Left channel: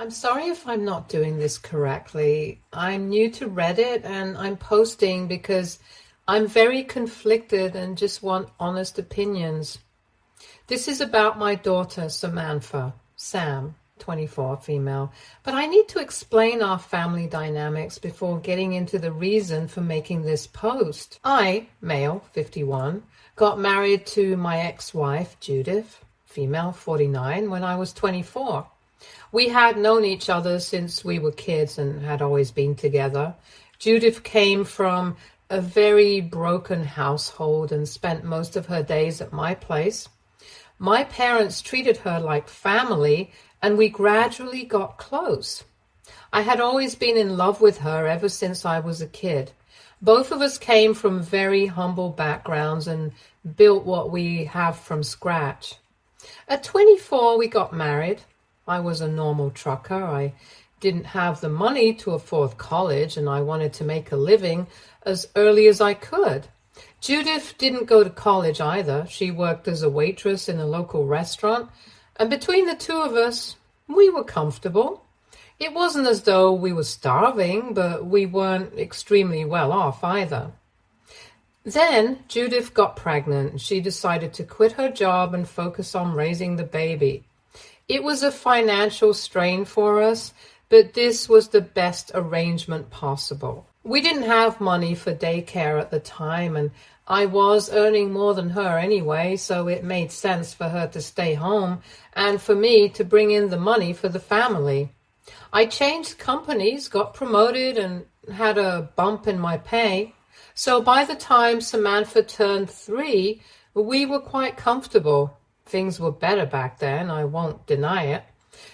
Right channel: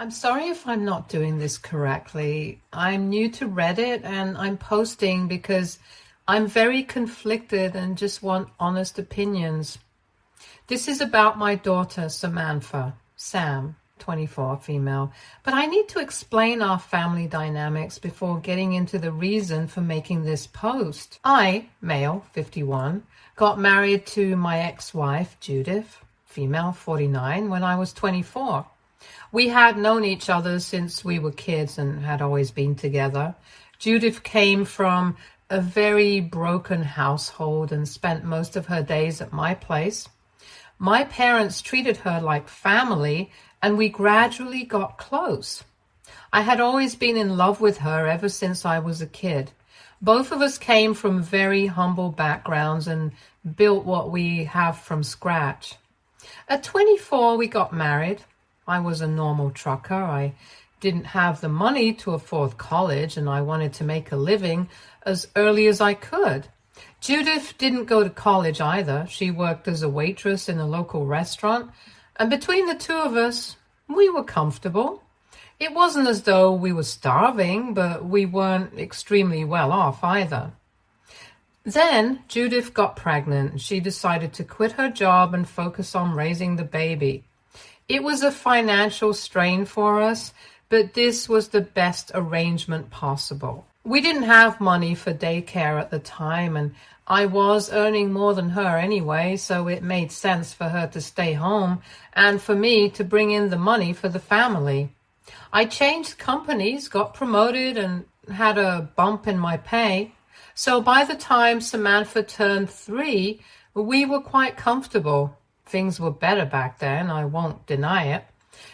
I'm sorry if I'm not doing this correctly. I'm new to Reddit and I'm posting because I'm very conflicted and just want honest opinions. This is about my daughter, Samantha, Sam, 24, female, but I need to explain our family dynamics before getting into the reason for making this post. I, male, 51, got married to my ex-wife, Judith, female, 49, when I was 24. We had known each other since we were kids and had always been together. Judith came from a very broken household and spent most of her days at my place. My parents treated her like family, and we gradually got close. I had always been in love with her ever since I was a kid. Both of us came from very humble backgrounds and built what we have from scratch. At 24, we got married. I was a normal trucker. I didn't have the money to afford college, and I wanted to make a living as early as I could. Judith didn't go to college either. She worked as a waitress in a local restaurant, and between the two of us, we were comfortable. It wasn't as though we were starving, but we weren't extremely well off either. Then Judith got pregnant. She decided to quit her job and focus on raising the baby. It was a financial strain for us, but this was the best arrangement possible. We didn't have money for daycare at the time, and I was earning more than her anyway, so it made sense for her to stay home and for me to bring in the money for the family. I changed companies, got promoted, and had a bump in my pay. So by the time Samantha turned 3, we were quite comfortable. Things were better back then, I won't deny it.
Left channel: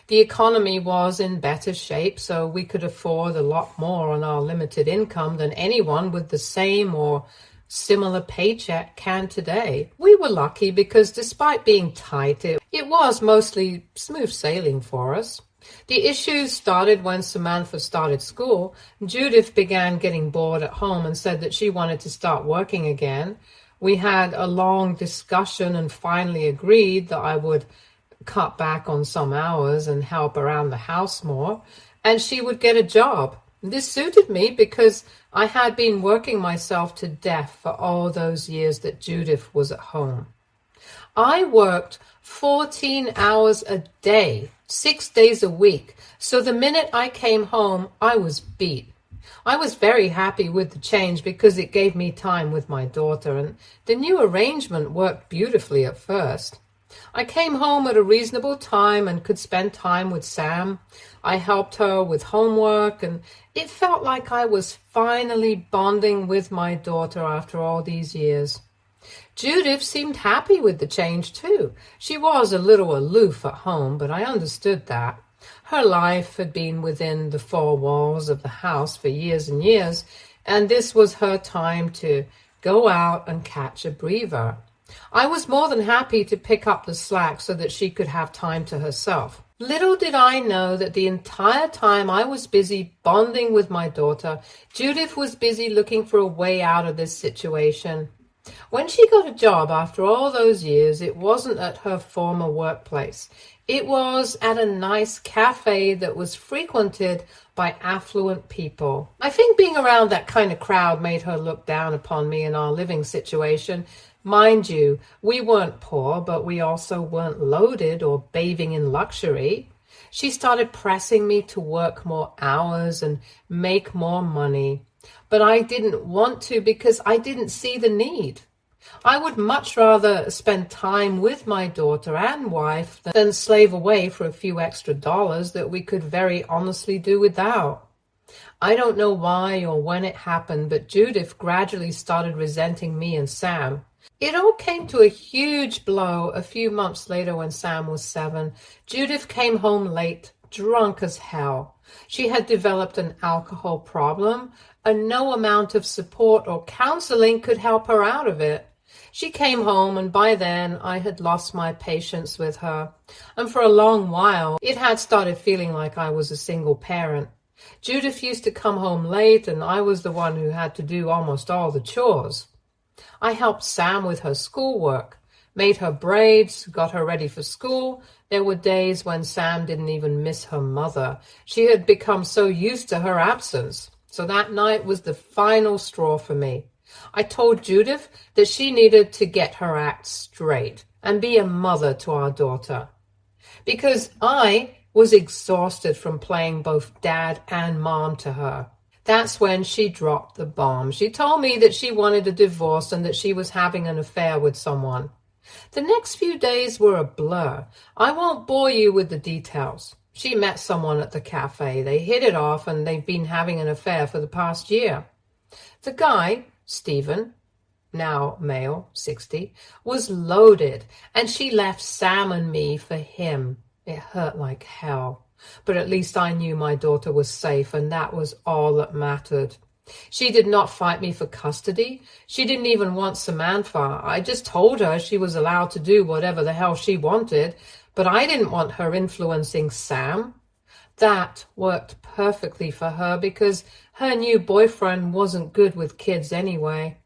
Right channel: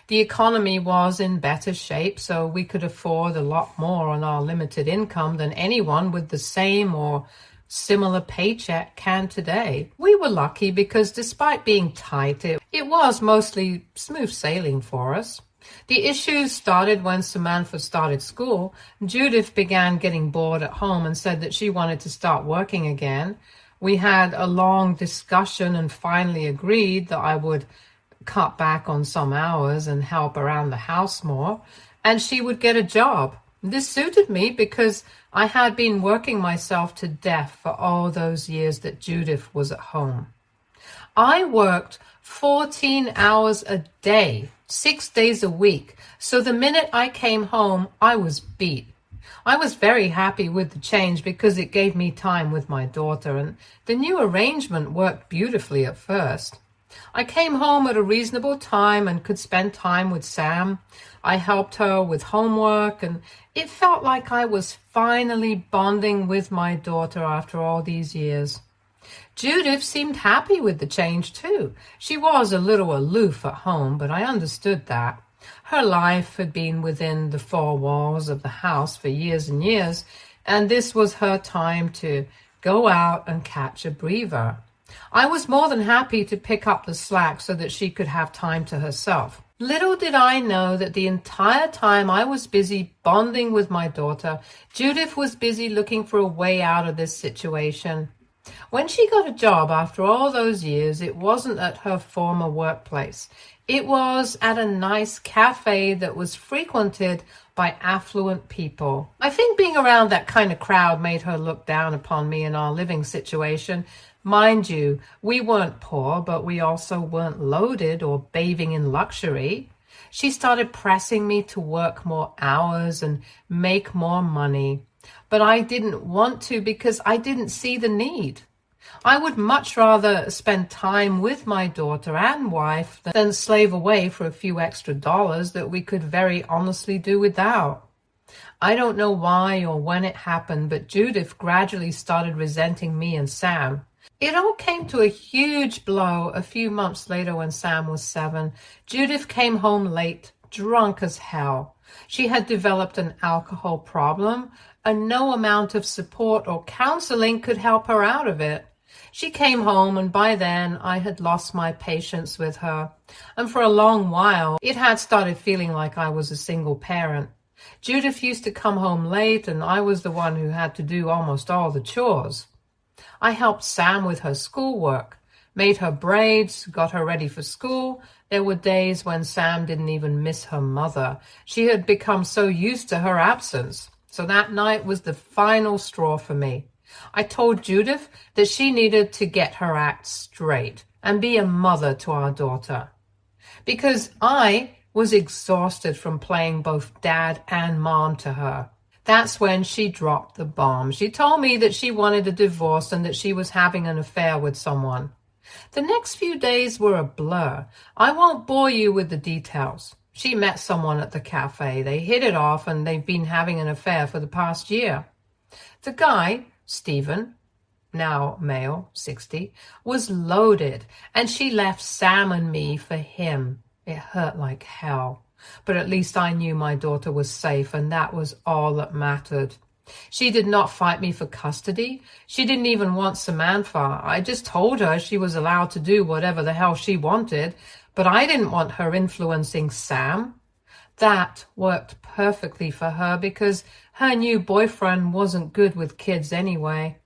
The economy was in better shape, so we could afford a lot more on our limited income than anyone with the same or similar paycheck can today. We were lucky because despite being tight, it was mostly smooth sailing for us. The issues started when Samantha started school. Judith began getting bored at home and said that she wanted to start working again. We had a long discussion and finally agreed that I would cut back on some hours and help around the house more, and she would get a job. This suited me because I had been working myself to death for all those years that Judith was at home. I worked 14 hours a day, 6 days a week, so the minute I came home, I was beat. I was very happy with the change because it gave me time with my daughter, and the new arrangement worked beautifully at first. I came home at a reasonable time and could spend time with Sam. I helped her with homework, and it felt like I was finally bonding with my daughter after all these years. Judith seemed happy with the change too. She was a little aloof at home, but I understood that. Her life had been within the 4 walls of the house for years and years, and this was her time to go out and catch a breather. I was more than happy to pick up the slack so that she could have time to herself. Little did I know that the entire time I was busy bonding with my daughter, Judith was busy looking for a way out of this situation. When she got a job after all those years, it wasn't at her former workplace. It was at a nice cafe that was frequented by affluent people. I think being around that kind of crowd made her look down upon me and our living situation. Mind you, we weren't poor, but we also weren't loaded or bathing in luxury. She started pressing me to work more hours and make more money. But I didn't want to because I didn't see the need. I would much rather spend time with my daughter and wife than slave away for a few extra dollars that we could very honestly do without. I don't know why or when it happened, but Judith gradually started resenting me and Sam. It all came to a huge blow a few months later when Sam was 7. Judith came home late, drunk as hell. She had developed an alcohol problem, and no amount of support or counseling could help her out of it. She came home, and by then I had lost my patience with her, and for a long while it had started feeling like I was a single parent. Judith used to come home late, and I was the one who had to do almost all the chores. I helped Sam with her schoolwork, made her braids, got her ready for school, There were days when Sam didn't even miss her mother. She had become so used to her absence. So that night was the final straw for me. I told Judith that she needed to get her act straight and be a mother to our daughter. Because I was exhausted from playing both dad and mom to her. That's when she dropped the bomb. She told me that she wanted a divorce and that she was having an affair with someone. The next few days were a blur. I won't bore you with the details. She met someone at the cafe. They hit it off and they've been having an affair for the past year. The guy, Stephen, now male, 60, was loaded, and she left Sam and me for him. It hurt like hell. But at least I knew my daughter was safe, and that was all that mattered. She did not fight me for custody. She didn't even want Samantha. I just told her she was allowed to do whatever the hell she wanted, but I didn't want her influencing Sam. That worked perfectly for her because her new boyfriend wasn't good with kids anyway.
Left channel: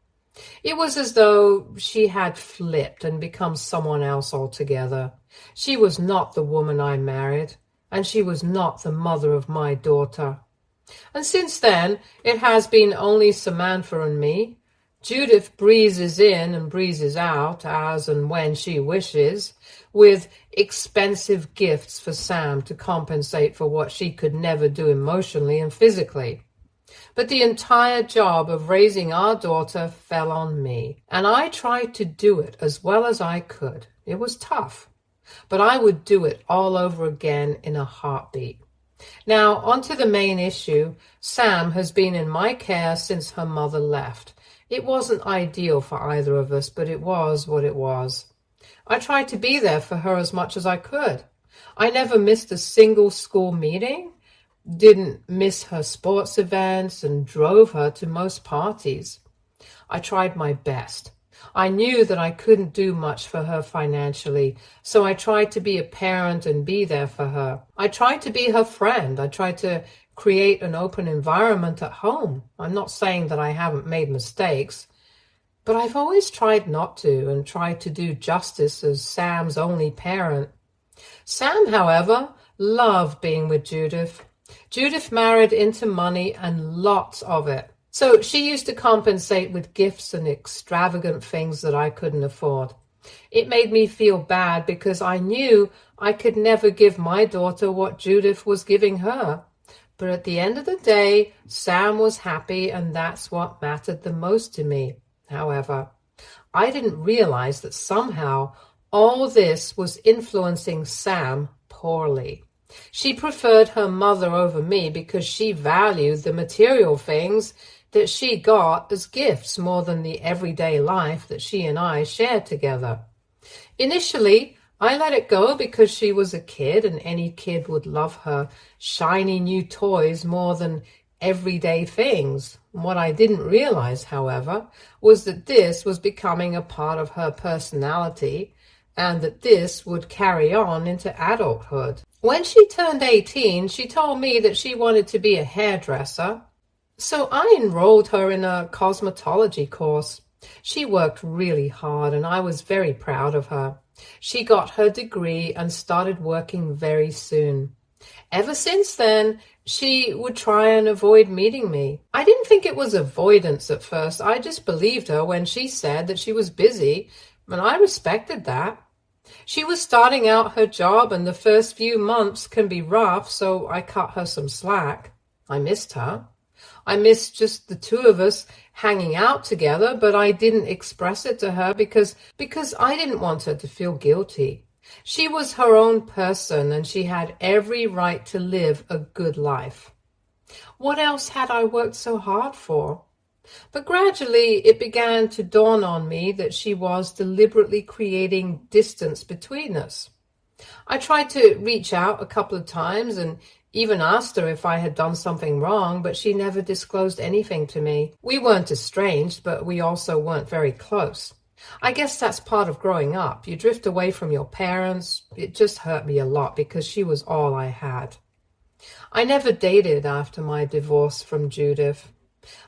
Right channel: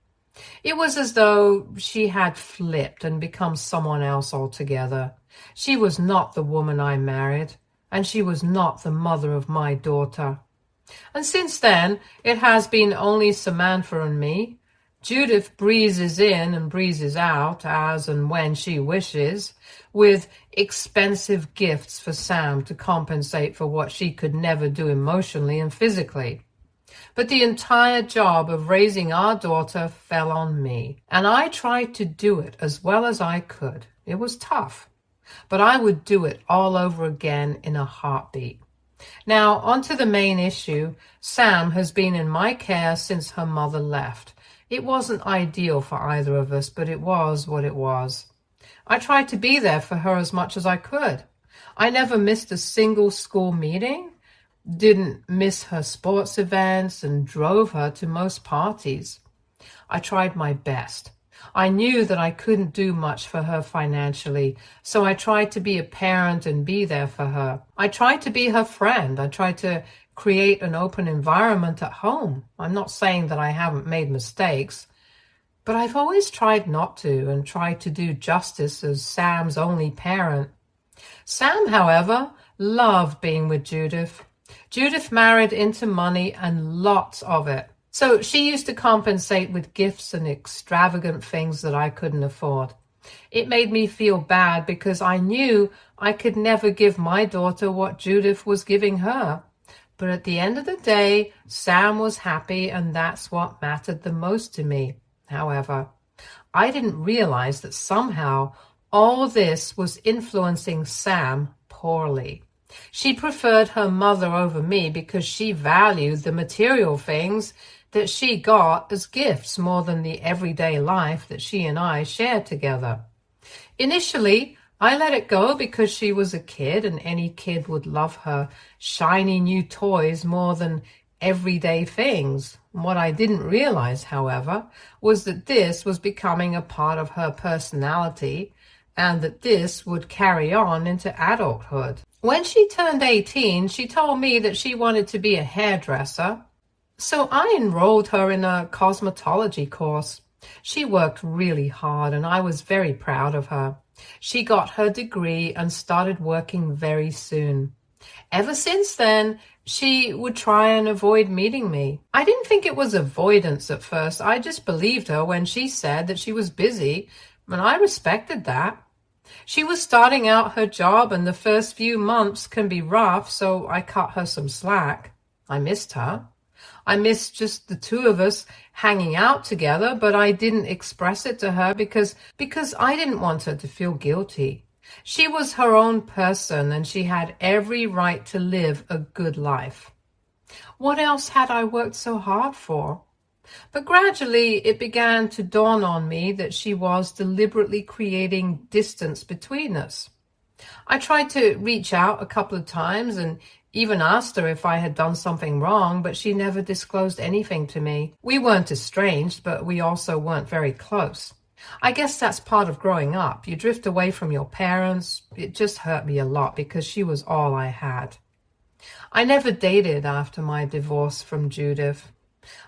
It was as though she had flipped and become someone else altogether. She was not the woman I married, and she was not the mother of my daughter. And since then, it has been only Samantha and me. Judith breezes in and breezes out as and when she wishes, with expensive gifts for Sam to compensate for what she could never do emotionally and physically. But the entire job of raising our daughter fell on me, and I tried to do it as well as I could. It was tough, but I would do it all over again in a heartbeat. Now, on to the main issue. Sam has been in my care since her mother left. It wasn't ideal for either of us, but it was what it was. I tried to be there for her as much as I could. I never missed a single school meeting, didn't miss her sports events, and drove her to most parties. I tried my best. I knew that I couldn't do much for her financially, so I tried to be a parent and be there for her. I tried to be her friend. I tried to create an open environment at home. I'm not saying that I haven't made mistakes, but I've always tried not to and tried to do justice as Sam's only parent. Sam, however, loved being with Judith. Judith married into money and lots of it. So she used to compensate with gifts and extravagant things that I couldn't afford. It made me feel bad because I knew I could never give my daughter what Judith was giving her. But at the end of the day, Sam was happy, and that's what mattered the most to me. However, I didn't realize that somehow all this was influencing Sam poorly. She preferred her mother over me because she valued the material things that she got as gifts more than the everyday life that she and I shared together. Initially, I let it go because she was a kid and any kid would love her shiny new toys more than everyday things. What I didn't realize, however, was that this was becoming a part of her personality and that this would carry on into adulthood. When she turned 18, she told me that she wanted to be a hairdresser. So I enrolled her in a cosmetology course. She worked really hard and I was very proud of her. She got her degree and started working very soon. Ever since then, she would try and avoid meeting me. I didn't think it was avoidance at first. I just believed her when she said that she was busy, and I respected that. She was starting out her job and the first few months can be rough, so I cut her some slack. I missed her. I missed just the two of us hanging out together, but I didn't express it to her because I didn't want her to feel guilty. She was her own person and she had every right to live a good life. What else had I worked so hard for? But gradually it began to dawn on me that she was deliberately creating distance between us. I tried to reach out a couple of times and even asked her if I had done something wrong, but she never disclosed anything to me. We weren't estranged, but we also weren't very close. I guess that's part of growing up. You drift away from your parents. It just hurt me a lot because she was all I had. I never dated after my divorce from Judith.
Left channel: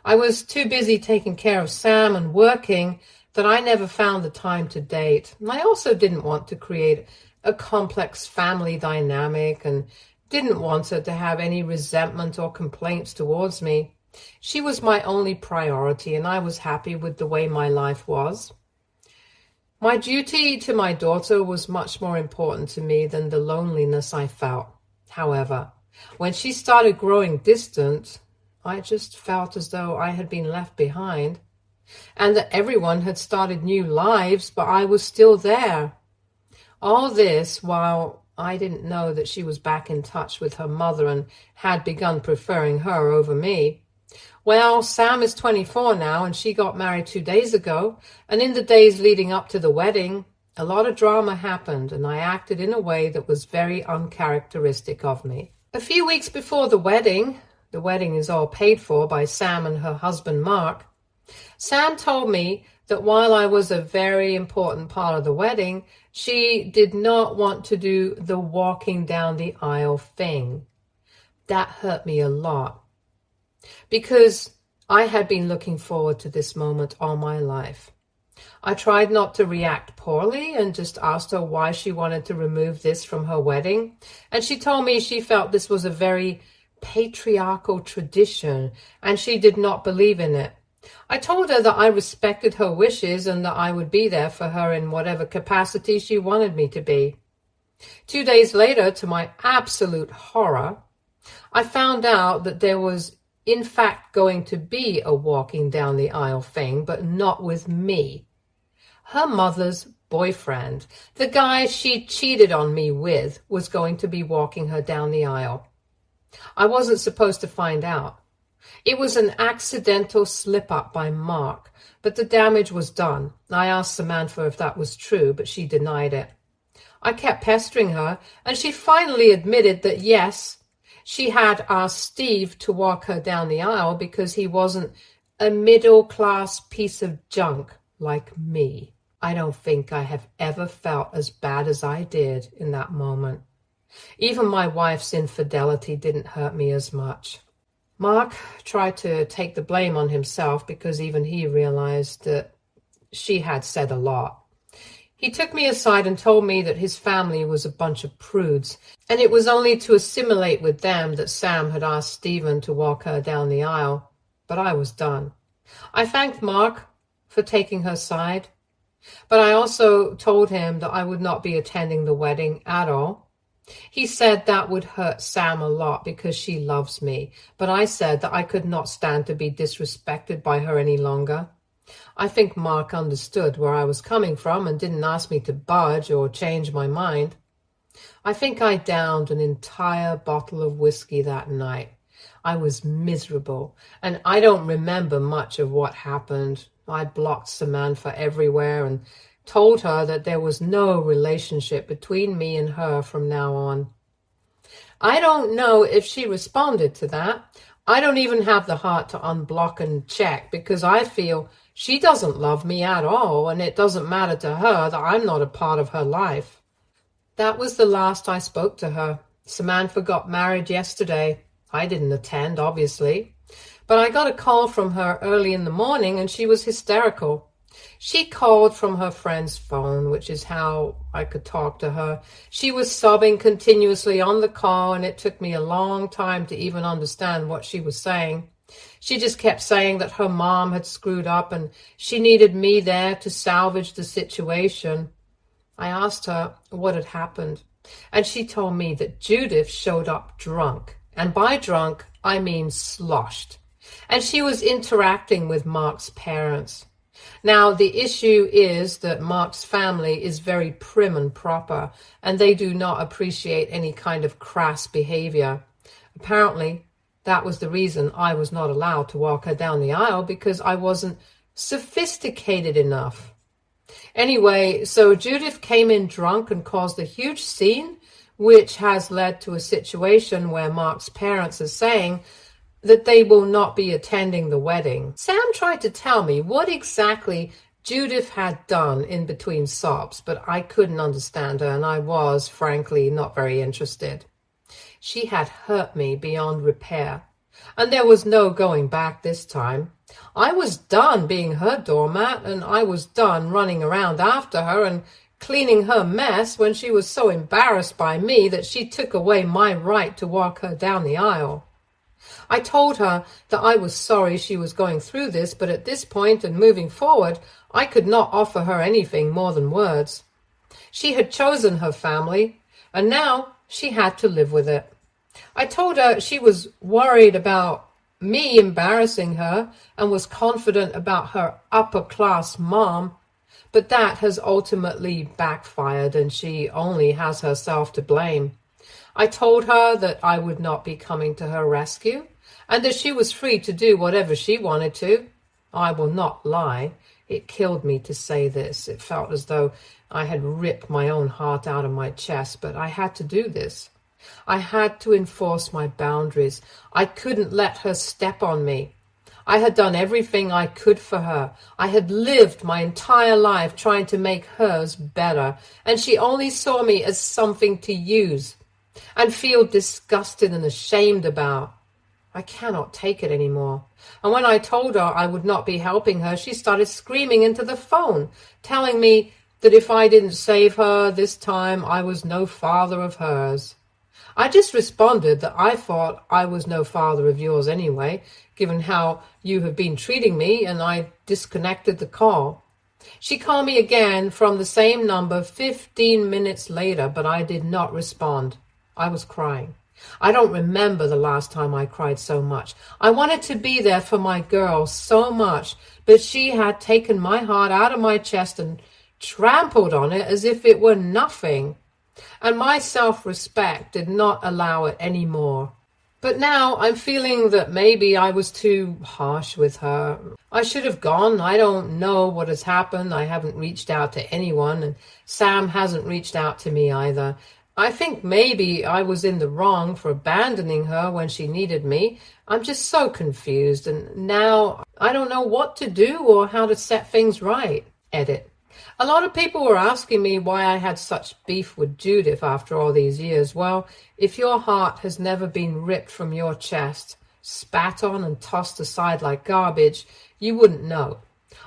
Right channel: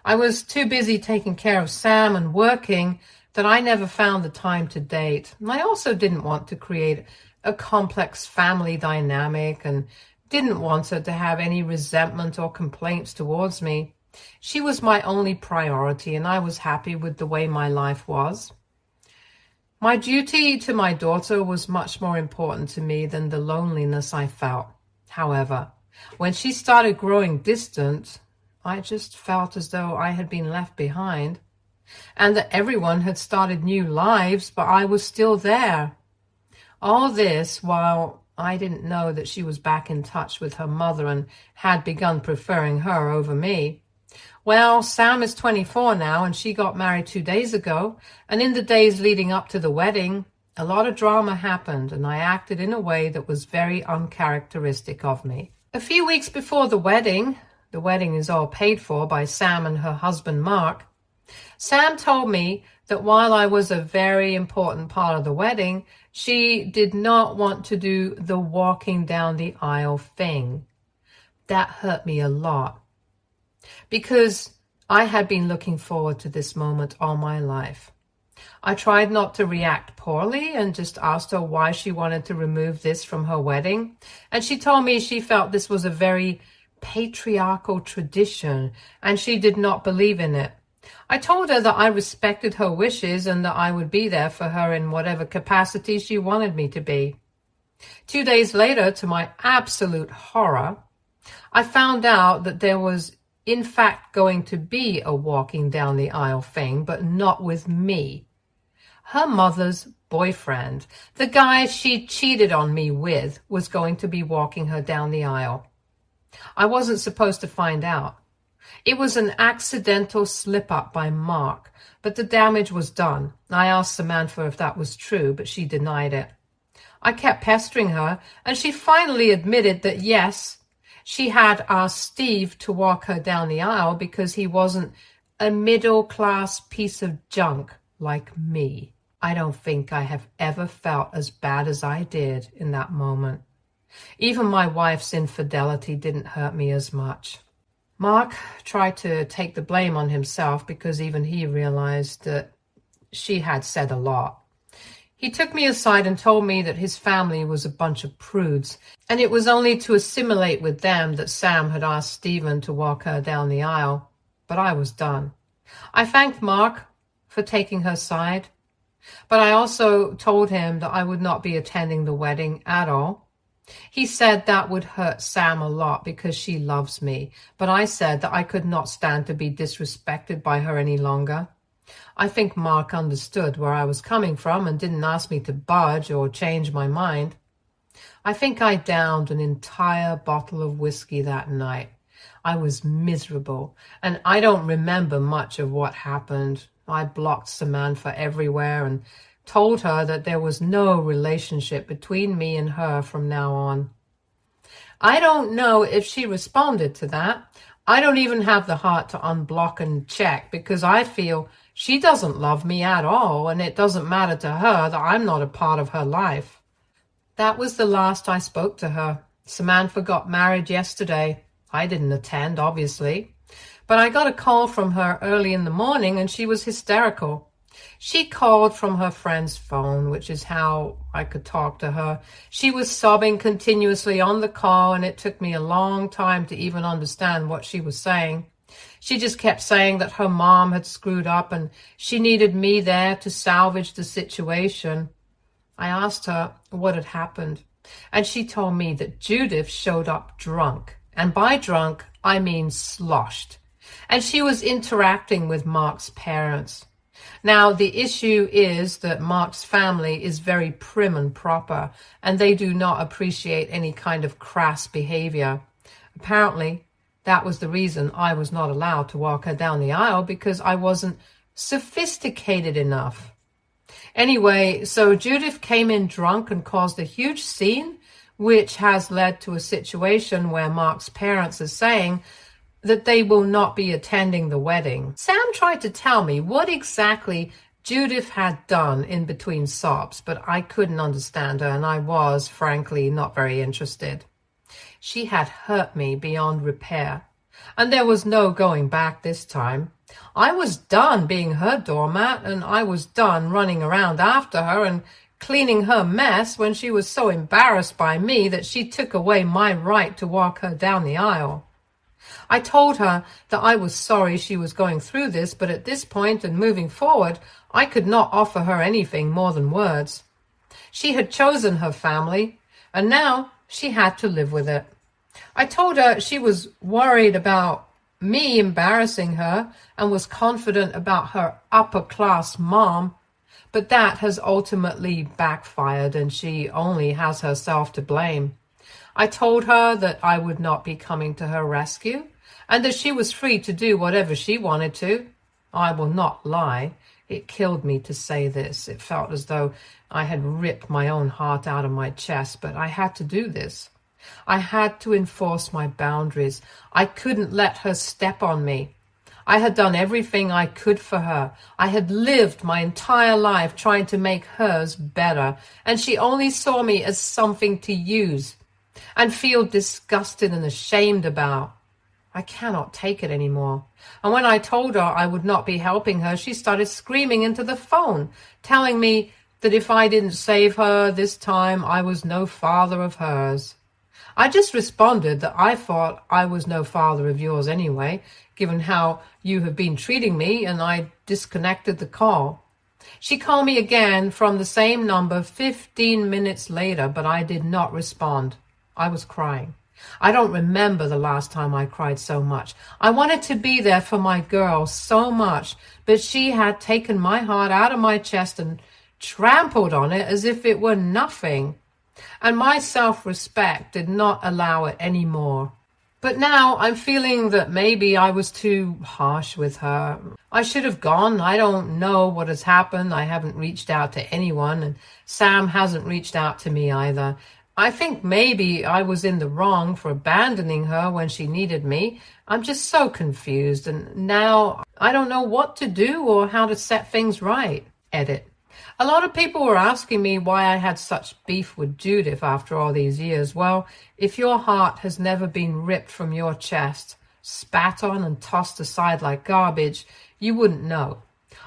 I was too busy taking care of Sam and working that I never found the time to date. And I also didn't want to create a complex family dynamic and didn't want her to have any resentment or complaints towards me. She was my only priority, and I was happy with the way my life was. My duty to my daughter was much more important to me than the loneliness I felt. However, when she started growing distant, I just felt as though I had been left behind, and that everyone had started new lives, but I was still there. All this while I didn't know that she was back in touch with her mother and had begun preferring her over me. Well, Sam is 24 now, and she got married 2 days ago, and in the days leading up to the wedding, a lot of drama happened, and I acted in a way that was very uncharacteristic of me. A few weeks before the wedding is all paid for by Sam and her husband Mark, Sam told me that while I was a very important part of the wedding, she did not want to do the walking down the aisle thing. That hurt me a lot, because I had been looking forward to this moment all my life. I tried not to react poorly and just asked her why she wanted to remove this from her wedding, and she told me she felt this was a very patriarchal tradition and she did not believe in it. I told her that I respected her wishes and that I would be there for her in whatever capacity she wanted me to be. 2 days later, to my absolute horror, I found out that there was in fact going to be a walking down the aisle thing, but not with me. Her mother's boyfriend, the guy she cheated on me with, was going to be walking her down the aisle. I wasn't supposed to find out. It was an accidental slip-up by Mark, but the damage was done. I asked Samantha if that was true, but she denied it. I kept pestering her, and she finally admitted that yes, she had asked Steve to walk her down the aisle because he wasn't a middle-class piece of junk like me. I don't think I have ever felt as bad as I did in that moment. Even my wife's infidelity didn't hurt me as much. Mark tried to take the blame on himself because even he realized that she had said a lot. He took me aside and told me that his family was a bunch of prudes, and it was only to assimilate with them that Sam had asked Stephen to walk her down the aisle. But I was done. I thanked Mark for taking her side, but I also told him that I would not be attending the wedding at all. He said that would hurt Sam a lot because she loves me, but I said that I could not stand to be disrespected by her any longer. I think Mark understood where I was coming from and didn't ask me to budge or change my mind. I think I downed an entire bottle of whiskey that night. I was miserable, and I don't remember much of what happened. I blocked Samantha everywhere and told her that there was no relationship between me and her from now on. I don't know if she responded to that. I don't even have the heart to unblock and check because I feel she doesn't love me at all, and it doesn't matter to her that I'm not a part of her life. That was the last I spoke to her. Samantha got married yesterday. I didn't attend, obviously, but I got a call from her early in the morning and she was hysterical. She called from her friend's phone, which is how I could talk to her. She was sobbing continuously on the call, and it took me a long time to even understand what she was saying. She just kept saying that her mom had screwed up and she needed me there to salvage the situation. I asked her what had happened, and she told me that Judith showed up drunk, and by drunk, I mean sloshed, and she was interacting with Mark's parents. Now, the issue is that Mark's family is very prim and proper, and they do not appreciate any kind of crass behavior. Apparently, that was the reason I was not allowed to walk her down the aisle, because I wasn't sophisticated enough. Anyway, so Judith came in drunk and caused a huge scene, which has led to a situation where Mark's parents are saying that they will not be attending the wedding. Sam tried to tell me what exactly Judith had done in between sobs, but I couldn't understand her, and I was, frankly, not very interested. She had hurt me beyond repair, and there was no going back this time. I was done being her doormat, and I was done running around after her and cleaning her mess when she was so embarrassed by me that she took away my right to walk her down the aisle. I told her that I was sorry she was going through this, but at this point and moving forward, I could not offer her anything more than words. She had chosen her family, and now she had to live with it. I told her she was worried about me embarrassing her and was confident about her upper-class mom, but that has ultimately backfired and she only has herself to blame. I told her that I would not be coming to her rescue and that she was free to do whatever she wanted to. I will not lie. It killed me to say this. It felt as though I had ripped my own heart out of my chest, but I had to do this. I had to enforce my boundaries. I couldn't let her step on me. I had done everything I could for her. I had lived my entire life trying to make hers better, and she only saw me as something to use and feel disgusted and ashamed about. I cannot take it anymore. And when I told her I would not be helping her, she started screaming into the phone, telling me that if I didn't save her this time, I was no father of hers. I just responded that I thought I was no father of yours anyway, given how you have been treating me, and I disconnected the call. She called me again from the same number 15 minutes later, but I did not respond. I was crying. I don't remember the last time I cried so much. I wanted to be there for my girl so much, but she had taken my heart out of my chest and trampled on it as if it were nothing. And my self-respect did not allow it anymore. But now I'm feeling that maybe I was too harsh with her. I should have gone. I don't know what has happened. I haven't reached out to anyone, and Sam hasn't reached out to me either. I think maybe I was in the wrong for abandoning her when she needed me. I'm just so confused, and now I don't know what to do or how to set things right. Edit. A lot of people were asking me why I had such beef with Judith after all these years. Well, if your heart has never been ripped from your chest, spat on and tossed aside like garbage, you wouldn't know.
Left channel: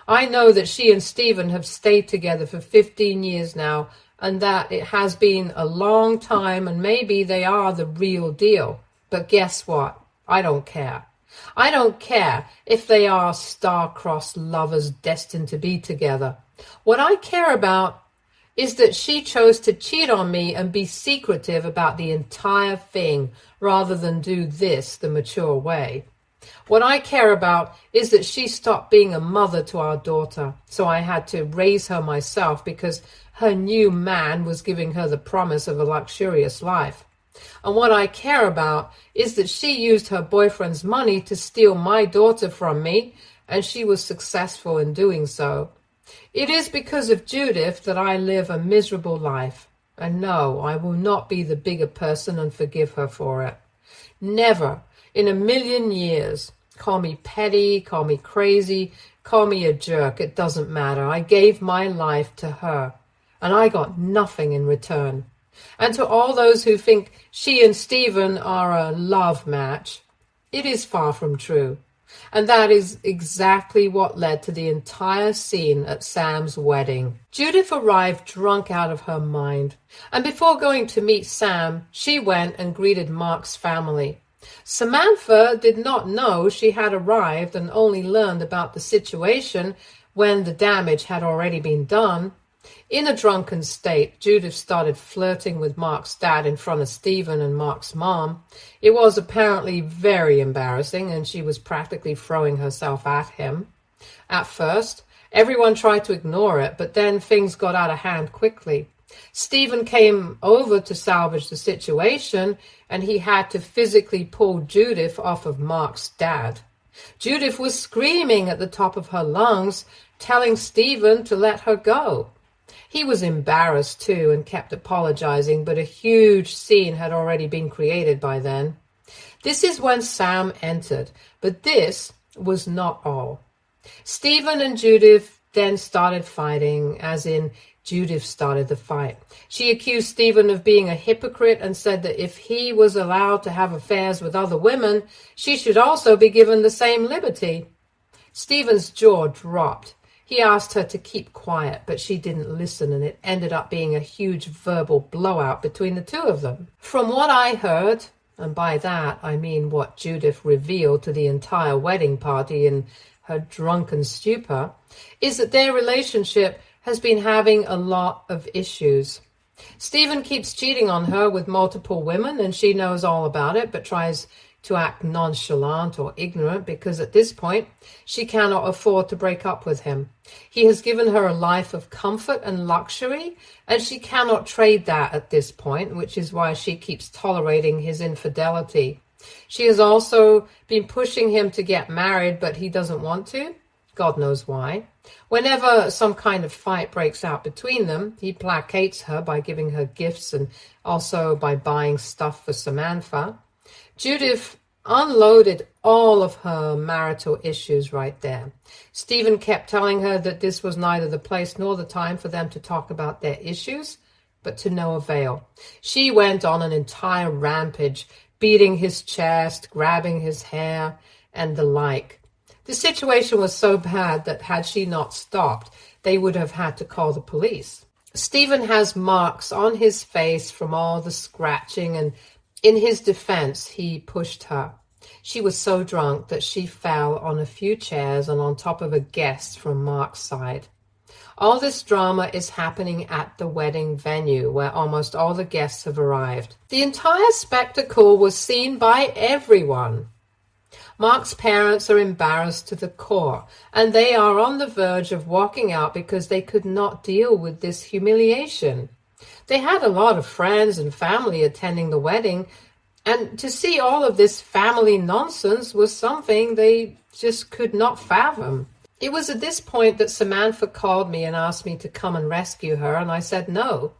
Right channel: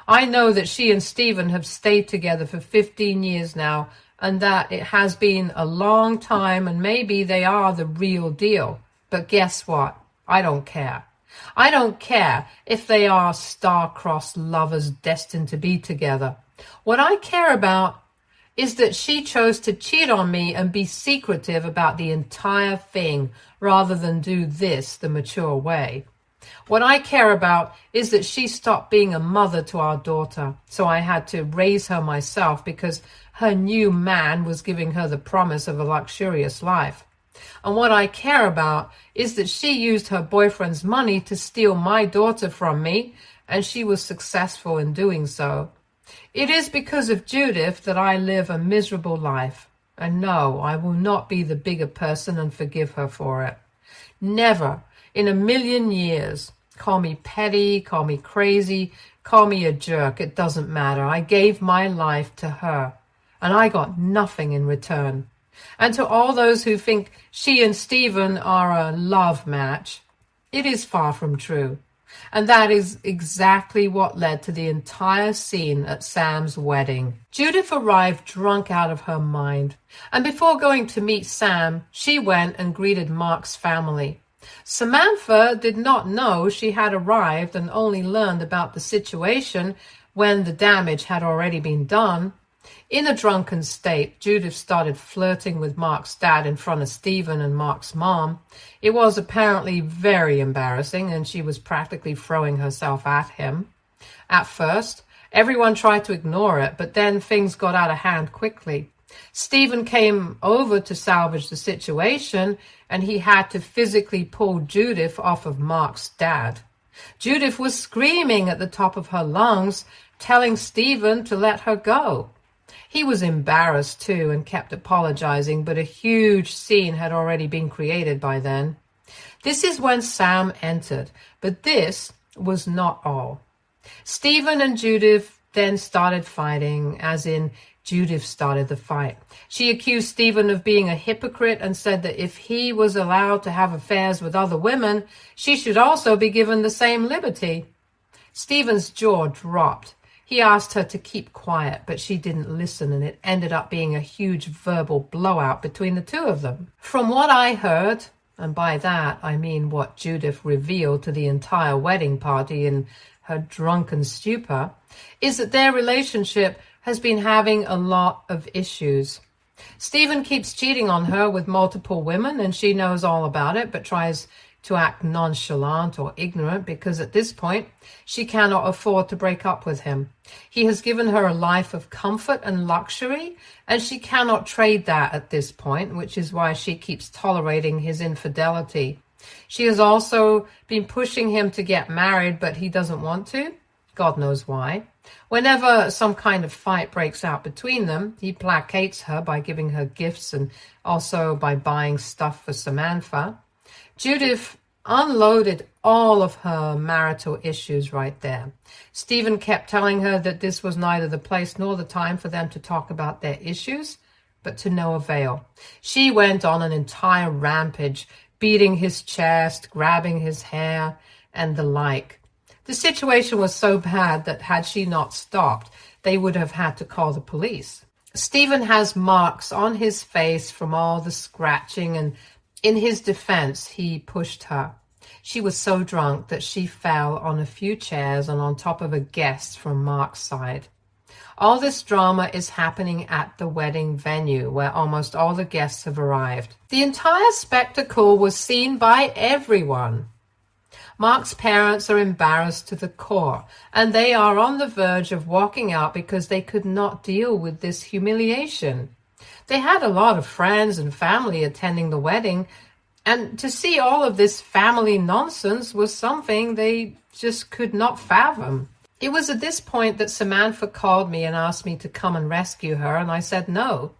I know that she and Stephen have stayed together for 15 years now, and that it has been a long time, and maybe they are the real deal. But guess what? I don't care. I don't care if they are star-crossed lovers destined to be together. What I care about is that she chose to cheat on me and be secretive about the entire thing rather than do this the mature way. What I care about is that she stopped being a mother to our daughter, so I had to raise her myself because her new man was giving her the promise of a luxurious life. And what I care about is that she used her boyfriend's money to steal my daughter from me, and she was successful in doing so. It is because of Judith that I live a miserable life. And no, I will not be the bigger person and forgive her for it. Never in a million years. Call me petty, call me crazy, call me a jerk. It doesn't matter. I gave my life to her, and I got nothing in return. And to all those who think she and Stephen are a love match, it is far from true. And that is exactly what led to the entire scene at Sam's wedding. Judith arrived drunk out of her mind, and before going to meet Sam, she went and greeted Mark's family. Samantha did not know she had arrived and only learned about the situation when the damage had already been done. In a drunken state, Judith started flirting with Mark's dad in front of Stephen and Mark's mom. It was apparently very embarrassing, and she was practically throwing herself at him. At first, everyone tried to ignore it, but then things got out of hand quickly. Stephen came over to salvage the situation, and he had to physically pull Judith off of Mark's dad. Judith was screaming at the top of her lungs, telling Stephen to let her go. He was embarrassed too and kept apologizing, but a huge scene had already been created by then. This is when Sam entered, but this was not all. Stephen and Judith then started fighting, as in Judith started the fight. She accused Stephen of being a hypocrite and said that if he was allowed to have affairs with other women, she should also be given the same liberty. Stephen's jaw dropped. He asked her to keep quiet, but she didn't listen, and it ended up being a huge verbal blowout between the two of them. From what I heard, and by that I mean what Judith revealed to the entire wedding party in her drunken stupor, is that their relationship has been having a lot of issues. Stephen keeps cheating on her with multiple women, and she knows all about it, but tries to act nonchalant or ignorant because at this point she cannot afford to break up with him. He has given her a life of comfort and luxury, and she cannot trade that at this point, which is why she keeps tolerating his infidelity. She has also been pushing him to get married, but he doesn't want to. God knows why. Whenever some kind of fight breaks out between them, he placates her by giving her gifts and also by buying stuff for Samantha. Judith unloaded all of her marital issues right there. Stephen kept telling her that this was neither the place nor the time for them to talk about their issues, but to no avail. She went on an entire rampage, beating his chest, grabbing his hair, and the like. The situation was so bad that had she not stopped, they would have had to call the police. Stephen has marks on his face from all the scratching, and in his defense, he pushed her. She was so drunk that she fell on a few chairs and on top of a guest from Mark's side. All this drama is happening at the wedding venue, where almost all the guests have arrived. The entire spectacle was seen by everyone. Mark's parents are embarrassed to the core, and they are on the verge of walking out because they could not deal with this humiliation. They had a lot of friends and family attending the wedding, and to see all of this family nonsense was something they just could not fathom. It was at this point that Samantha called me and asked me to come and rescue her, and I said no.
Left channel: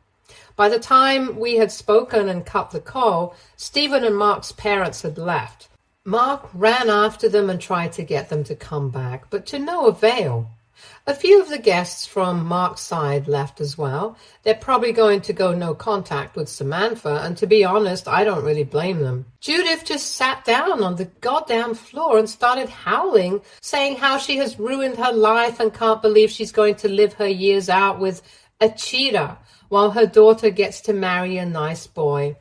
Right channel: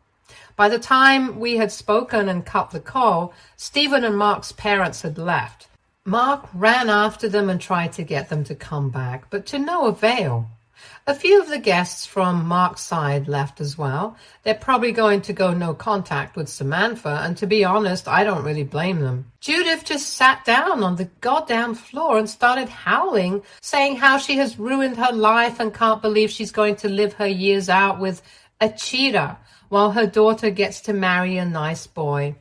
By the time we had spoken and cut the call, Stephen and Mark's parents had left. Mark ran after them and tried to get them to come back, but to no avail. A few of the guests from Mark's side left as well. They're probably going to go no contact with Samantha, and to be honest, I don't really blame them. Judith just sat down on the goddamn floor and started howling, saying how she has ruined her life and can't believe she's going to live her years out with a cheater while her daughter gets to marry a nice boy.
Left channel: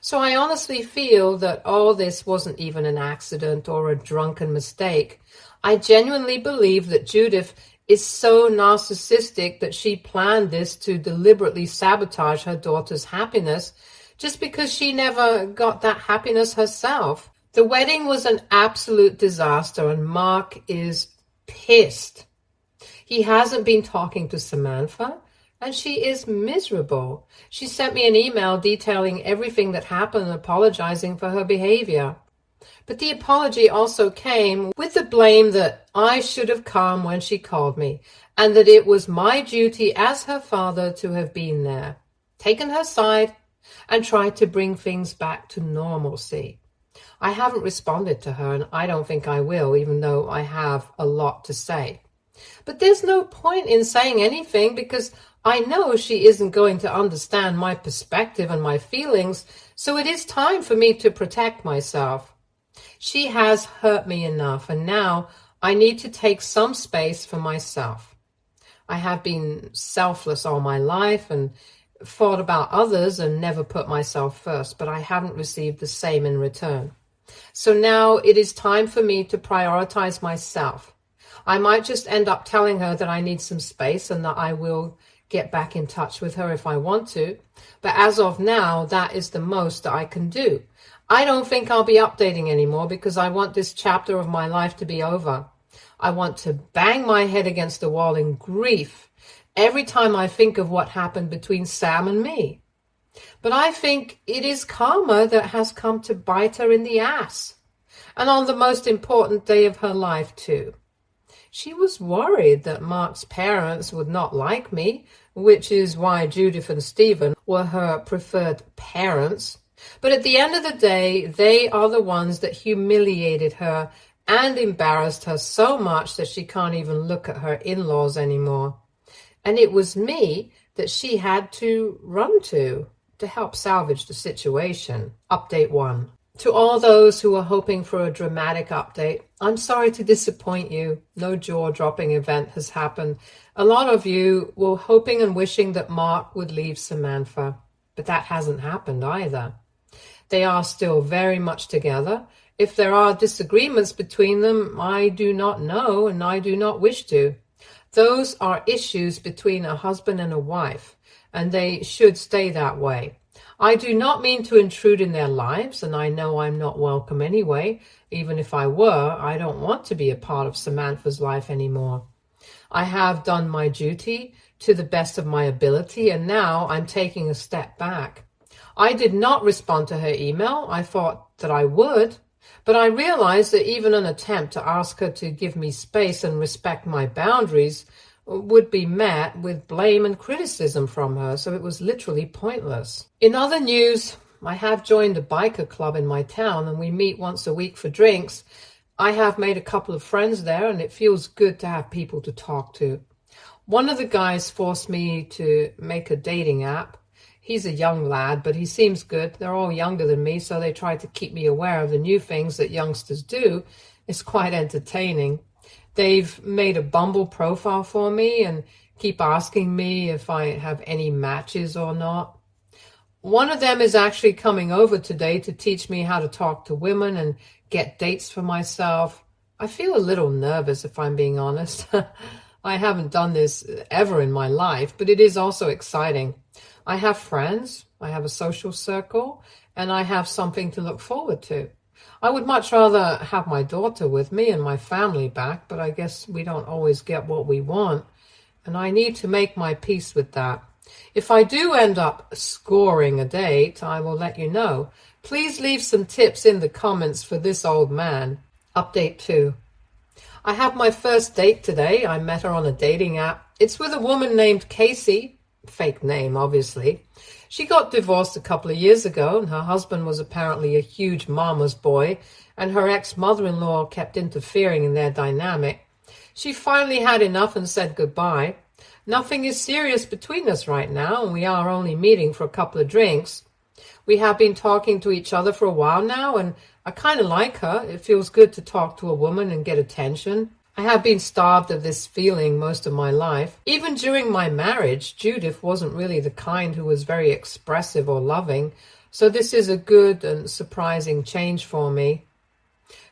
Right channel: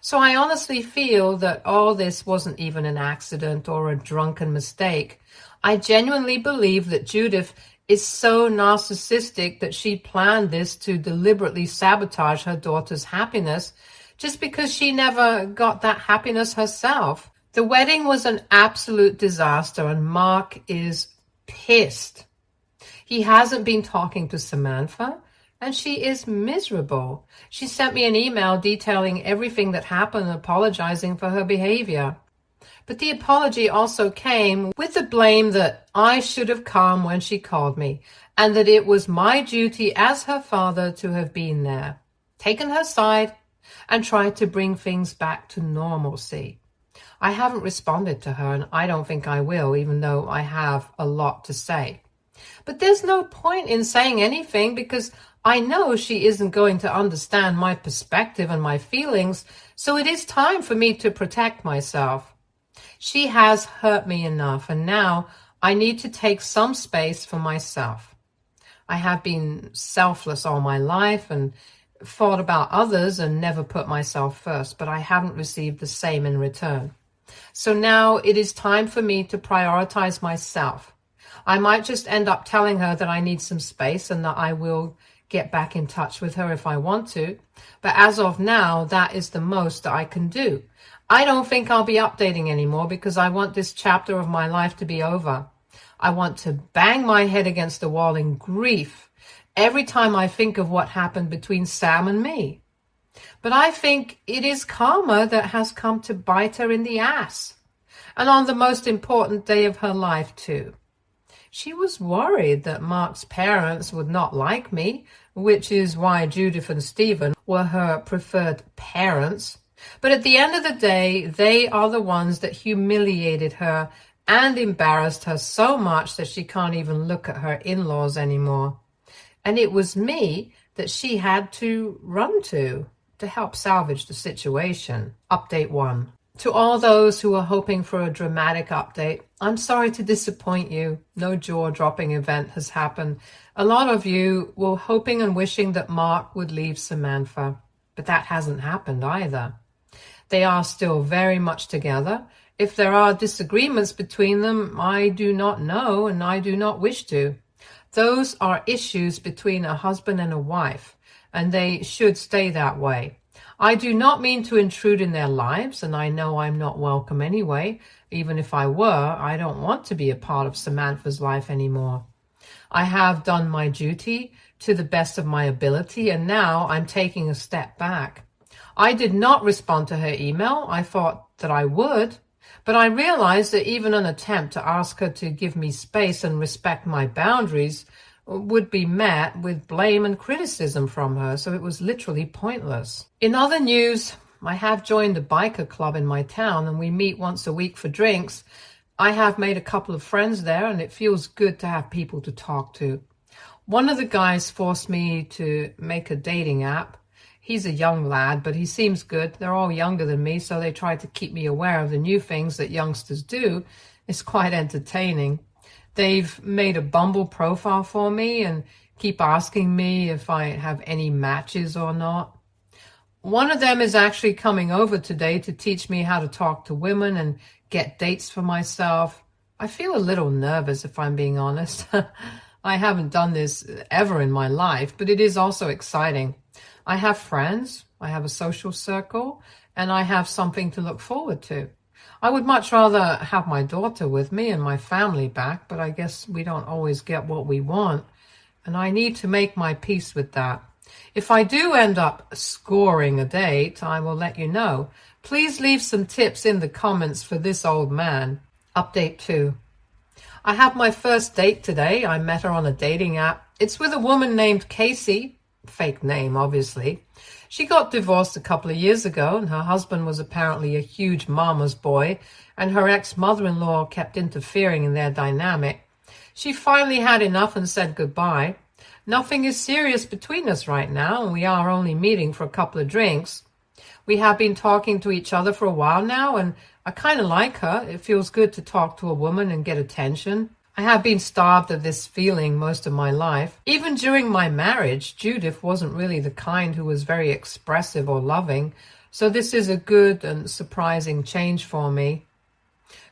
So I honestly feel that all this wasn't even an accident or a drunken mistake. I genuinely believe that Judith is so narcissistic that she planned this to deliberately sabotage her daughter's happiness just because she never got that happiness herself. The wedding was an absolute disaster, and Mark is pissed. He hasn't been talking to Samantha, and she is miserable. She sent me an email detailing everything that happened and apologizing for her behavior. But the apology also came with the blame that I should have come when she called me, and that it was my duty as her father to have been there, taken her side, and tried to bring things back to normalcy. I haven't responded to her, and I don't think I will, even though I have a lot to say. But there's no point in saying anything because I know she isn't going to understand my perspective and my feelings, so it is time for me to protect myself. She has hurt me enough, and now I need to take some space for myself. I have been selfless all my life and thought about others and never put myself first, but I haven't received the same in return. So now it is time for me to prioritize myself. I might just end up telling her that I need some space and that I will get back in touch with her if I want to, but as of now, that is the most that I can do. I don't think I'll be updating anymore because I want this chapter of my life to be over. I want to bang my head against the wall in grief every time I think of what happened between Sam and me. But I think it is karma that has come to bite her in the ass, and on the most important day of her life too. She was worried that Mark's parents would not like me, which is why Judith and Stephen were her preferred parents. But at the end of the day, they are the ones that humiliated her and embarrassed her so much that she can't even look at her in-laws anymore. And it was me that she had to run to help salvage the situation. Update 1. To all those who are hoping for a dramatic update, I'm sorry to disappoint you. No jaw-dropping event has happened. A lot of you were hoping and wishing that Mark would leave Samantha, but that hasn't happened either. They are still very much together. If there are disagreements between them, I do not know and I do not wish to. Those are issues between a husband and a wife, and they should stay that way. I do not mean to intrude in their lives, and I know I'm not welcome anyway. Even if I were, I don't want to be a part of Samantha's life anymore. I have done my duty to the best of my ability, and now I'm taking a step back. I did not respond to her email. I thought that I would, but I realized that even an attempt to ask her to give me space and respect my boundaries would be met with blame and criticism from her, so it was literally pointless. In other news, I have joined a biker club in my town, and we meet once a week for drinks. I have made a couple of friends there, and it feels good to have people to talk to. One of the guys forced me to make a dating app. He's a young lad, but he seems good. They're all younger than me, so they try to keep me aware of the new things that youngsters do. It's quite entertaining. They've made a Bumble profile for me and keep asking me if I have any matches or not. One of them is actually coming over today to teach me how to talk to women and get dates for myself. I feel a little nervous, if I'm being honest. I haven't done this ever in my life, but it is also exciting. I have friends, I have a social circle, and I have something to look forward to. I would much rather have my daughter with me and my family back, but I guess we don't always get what we want, and I need to make my peace with that. If I do end up scoring a date, I will let you know. Please leave some tips in the comments for this old man. Update 2. I have my first date today. I met her on a dating app. It's with a woman named Casey. Fake name, obviously. She got divorced a couple of years ago, and her husband was apparently a huge mama's boy, and her ex-mother-in-law kept interfering in their dynamic. She finally had enough and said goodbye. Nothing is serious between us right now, and we are only meeting for a couple of drinks. We have been talking to each other for a while now, and I kind of like her. It feels good to talk to a woman and get attention. I have been starved of this feeling most of my life. Even during my marriage, Judith wasn't really the kind who was very expressive or loving, so this is a good and surprising change for me.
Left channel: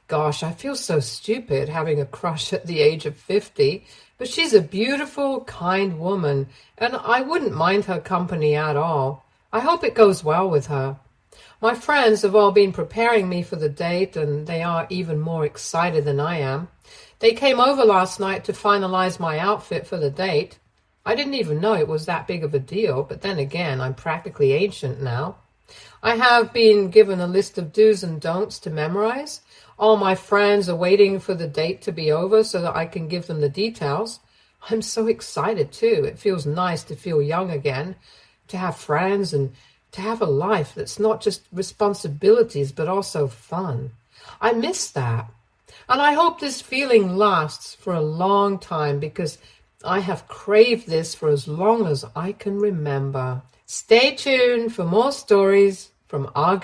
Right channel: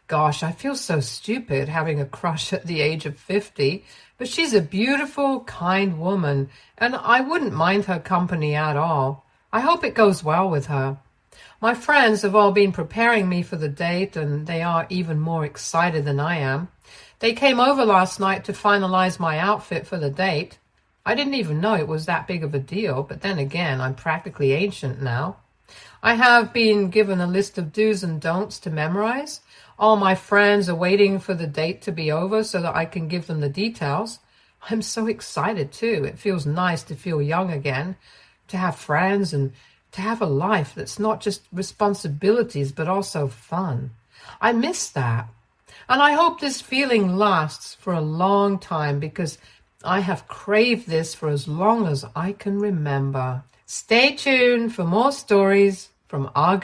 Gosh, I feel so stupid having a crush at the age of 50, but she's a beautiful, kind woman, and I wouldn't mind her company at all. I hope it goes well with her. My friends have all been preparing me for the date, and they are even more excited than I am. They came over last night to finalize my outfit for the date. I didn't even know it was that big of a deal, but then again, I'm practically ancient now. I have been given a list of do's and don'ts to memorize. All my friends are waiting for the date to be over so that I can give them the details. I'm so excited too. It feels nice to feel young again, to have friends and to have a life that's not just responsibilities but also fun. I miss that. And I hope this feeling lasts for a long time because I have craved this for as long as I can remember. Stay tuned for more stories from our